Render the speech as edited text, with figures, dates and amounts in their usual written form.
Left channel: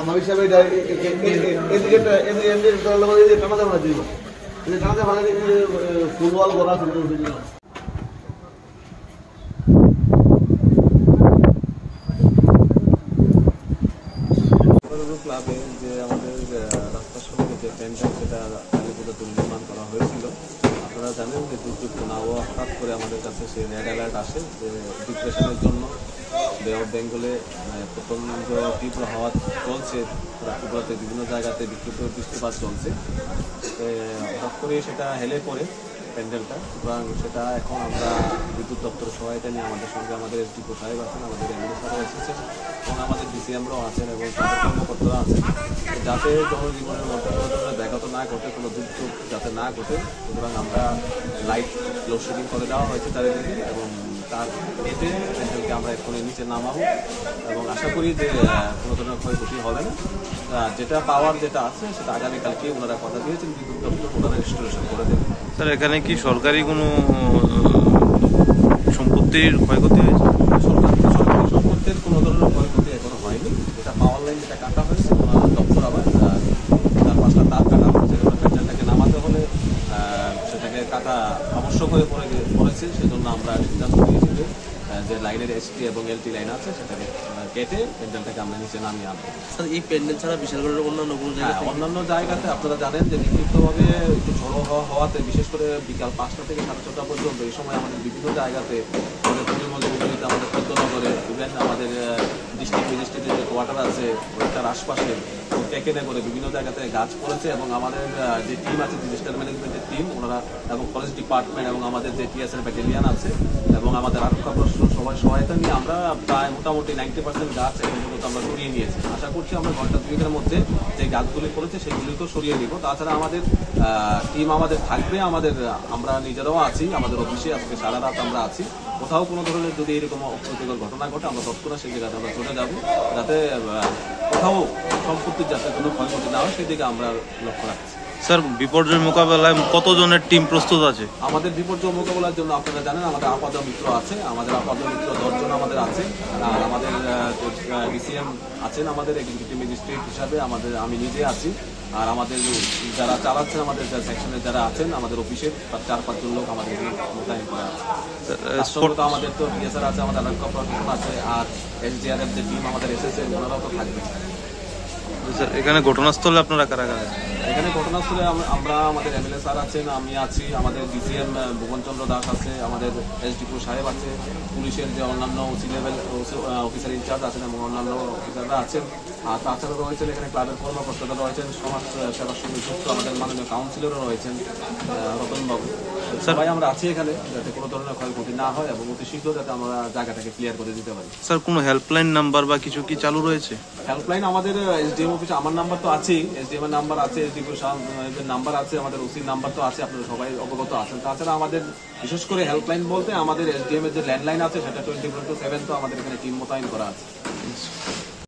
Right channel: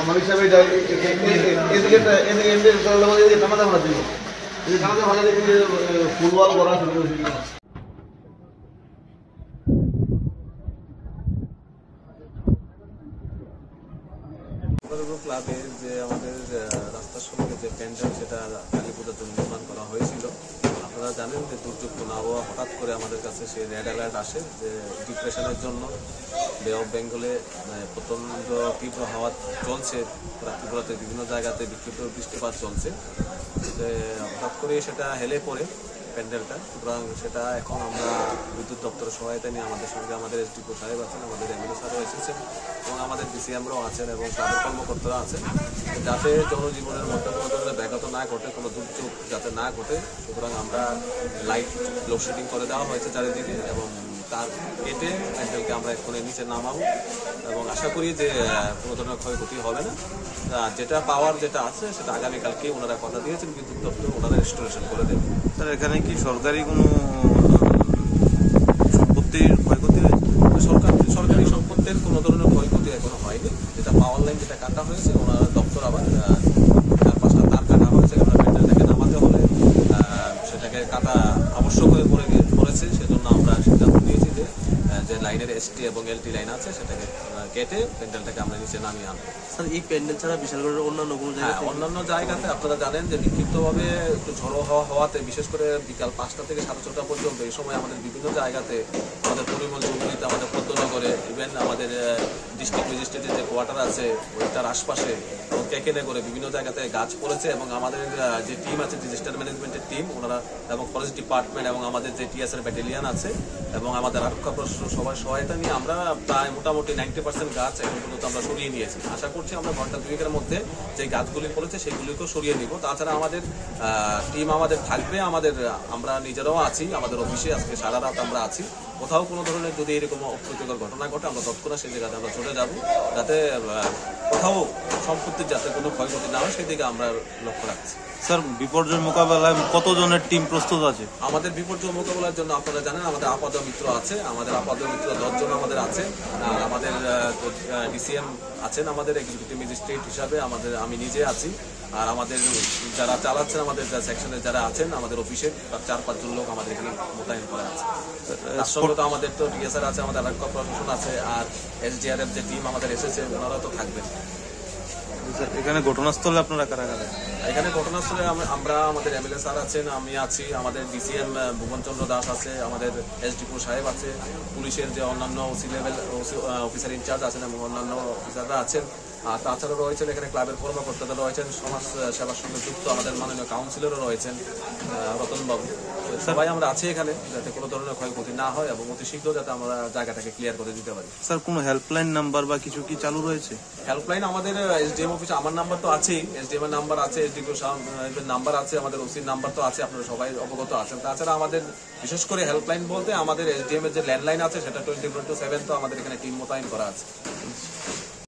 আমার হিসাবে ফুটবল করা শুরু করেছিল। ক্লাবে যে আমাদের রাস্তার সঙ্গে যে প্যান্ডেল সেটা কালীপূজাতে নির্মাণ করা হয়েছিল, আপনারা জানেন যে দুর্যোগপূর্ণ আবহাওয়া হঠাৎ করে আমাদের কাছে সেই রেড অ্যালার্ট আসে যে ডিপ্রেশনের জন্য বে অফ বেঙ্গলে প্রচণ্ড তীব্র হাওয়া চলছে, ত্রিপুরাতে বিভিন্ন জায়গাতে বিক্ষিপ্ত বৃষ্টিপাত চলছে। হঠাৎ করে সেটা হেলে পড়ে প্যান্ডেলটা, সুতরাং সেটা এখন আমরা বিদ্যুৎ দপ্তরের সহায়তা নিয়ে আমাদের সঙ্গে আমাদের এসডিপো সাহেব আছেন, আমাদের এমএলএ স্যারও এসেছেন এবং আমাদের ডিসিএমরাও আছেন এবং তাদের কর্মকর্তারা আছেন, যাতে জনজীবনের মধ্যে কোনো ধরনের ব্যাঘাত না ঘটে, কোনো দুর্যোগ যাতে না ঘটে। সুতরাং আমরা লাইট লোডশেডিং করে দেওয়া হয়েছে চারিদিকে এবং তার এতে প্যান্ডেলকে আমরা এক্ষুনি নিচে নামাবো এবং আশা করি যে কোনো ধরনের ক্ষয়ক্ষতি হবে না। যেটা পাওয়ার যেটা আছে সেটা আগামীকালকে ওনারা কথা দিয়েছেন, বিদ্যুৎ দপ্তর ওনারা রেস্টোরেশন করে দেবেন। স্যার এখানে কি সরকারি কোনো সম্পত্তির ক্ষয়ক্ষতি হয়েছে? সরকারি সম্পত্তির কোনো ধরনের ক্ষয়ক্ষতি এখনো হয়নি। যেটা পাওয়ার লাইন যেটা কাটা হয়েছে ওনারা দপ্তর আবার 4-5টা তার কাটা হয়েছে, প্যান্ডেলটাকে নামাতে হলে সেটাকে কাটা আবশ্যক হয়ে পড়েছে। সেজন্য আমরা সিদ্ধান্ত নিয়েছি যে লাইনের এসটি এবং এলটি লাইন আছে সেটাকে কেটে প্যান্ডেলটাকে আমরা নিচে নামিয়ে আনবো। স্যার এই প্যান্ডেল ছাড়া বিশালগড়ের অন্যান্য জায়গাতে আপনারা জানেন যে বিক্ষিপ্তভাবে একটু ঝড়ো হওয়াতে বিশেষ করে বিকাল 5টা থেকে 6:30 পর্যন্ত এই সময় আমাদের বিভিন্ন জায়গাতে আমাদের পরিমলগুলিতে, আমাদের পদ্মনগরে, ইভেন আমাদের ডিস্ট্রিক্ট ম্যাজিস্ট্রেটের যে কোয়ার্টার আছে ওইটার আশপাশে কেকেনে করে বিভিন্ন জায়গাতে গাছ পড়েছে এবং আমাদের যে টিম আছে ডিজাস্টার ম্যানেজমেন্টের টিম ওনারা এবং ফরেস্ট ডিপার্টমেন্ট এবং আমাদের যে টিএসএর ব্যাটালিয়ান আছে এবং আমাদের আরক্ষা প্রশাসন সবার সহায়তা নিয়ে আমরা প্রায় মোটামুটি 90% গাছ এখন পর্যন্ত আমরা সরিয়ে নিয়েছি। আশা করছি আমরা ঘন্টা 2-এর মধ্যে যে গাছগুলি পড়েছে সেগুলিকেও সরিয়ে নিব। তাছাড়া আমাদের টিম আমাদের থাকবে, আমরা নিজেরাও আছি, আমাদের অফিসে আজকে সারা রাত আমরা আছি। কোথাও কোনো ধরনের যদি এরকম অপ্রীতিকর ঘটনা ঘটে আমরা তৎক্ষণাৎ সেই জায়গাতে আমরা চলে যাব, যাতে কোথাও সম্পত্তির যাতে কোনো ক্ষয়ক্ষতি না হয় সেই দিকে আমরা লক্ষ্য রাখছি। স্যার বিপর্যয় মোকাবেলায় কতজনের টিম প্রস্তুত আছে? আমাদের বিপর্যয় মোকাবেলার জন্য আপনারা জানেন আমাদের আপাদ মিত্র আছে, আমাদের আপাদ মিত্র 10 জন আমাদের আছে, আর আমাদের ডিসিএম আছেন আমাদের এক্সিকিউটিভ ম্যাজিস্ট্রেট হিসাবে, আমি নিজে আছি, আর আমাদের যারা চালাচ্ছেন আমাদের সেকশনের যারা আছেন আমাদের অফিসে 4-5 জন লোক আমাদের এখানে মোতায়েন করা আছে। তার সঙ্গে তো আমাদের তো বিএসআর আছে, আমাদের আরক্ষা প্রশাসন আছে, আর এসডিআরএফ যে টিম আমাদের এসেছে ওনারাও তো থাকবেন। এখানে ঘটনাস্থলে আপনারা কারা কারা? এখানে ঘটনাস্থলে আমরা আমাদের এমএলএ স্যার আছেন, আমি আছি, আমাদের ডিসিএম ভুবনচন্দ্র দাস আছে, আমাদের এসডিপো সাহেব আছে, পুলিশের যে অন্যান্য ওসি লেভেল অফিসার ইনচার্জ আছেন এবং অন্যান্য অফিসাররা আছেন। আর তাছাড়া রয়েছেন এখানে ক্লাবের কর্মকর্তারা রয়েছেন, সমাজ সেবার সঙ্গে যুক্ত আমাদের মাননীয় কাউন্সিলরও রয়েছেন রতনবাবু। সবাই আমরা আছি এখানে যাতে কোনো ধরনের ক্ষয়ক্ষতি না হয় এবং অতি শীঘ্র যাতে আমরা জায়গাটাকে ক্লিয়ার করে দিতে পারি। স্যার কোনো হেল্পলাইন নাম্বার বা কিছু কি চালু রয়েছে? হেল্পলাইন আমাদের এসডিএম অফিসে আমার নাম্বার তো আছেই, এসডিএম এর নাম্বার আছে, এসডিপি নাম্বার আছে, আমাদের ওসির নাম্বার তো আছে, আপনারা সবাই অবগত আছেন। তাছাড়া আমাদের বিশেষ করে হেল্পলাইন বলতে আমাদের এসডিএম এর যে ল্যান্ডলাইন আছে সেটা 24/7 তো আমাদের এখানে টিম মোতায়েন করা আছে।